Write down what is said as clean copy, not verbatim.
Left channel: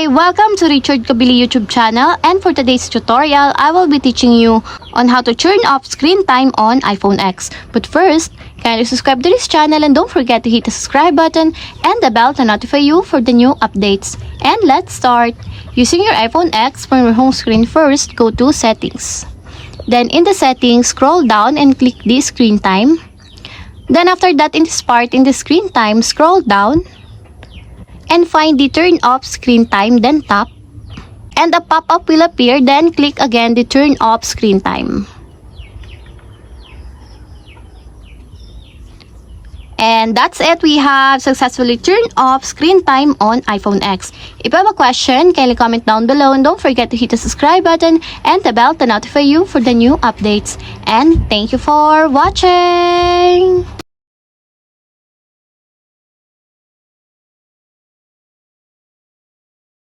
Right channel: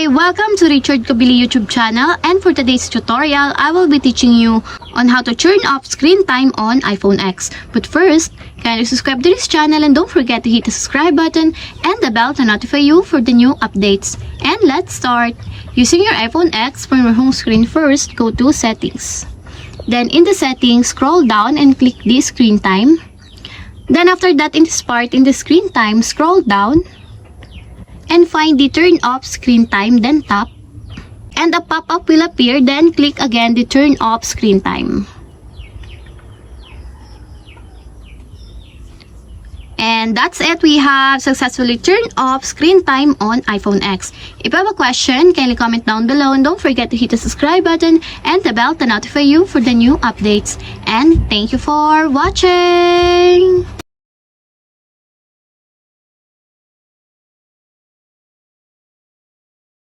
Hi! Welcome to Richard Cabile YouTube channel, and for today's tutorial, I will be teaching you on how to turn off screen time on iPhone X. But first, kindly subscribe to this channel and don't forget to hit the subscribe button and the bell to notify you for the new updates. And let's start! Using your iPhone X from your home screen, first go to Settings. Then in the settings, scroll down and click the screen time. Then after that, in this part, in the screen time, scroll down and find the turn off screen time, then tap. And a pop-up will appear, then click again the turn off screen time. And that's it. We have successfully turned off screen time on iPhone X. If you have a question, kindly comment down below and don't forget to hit the subscribe button and the bell to notify you for the new updates. And thank you for watching!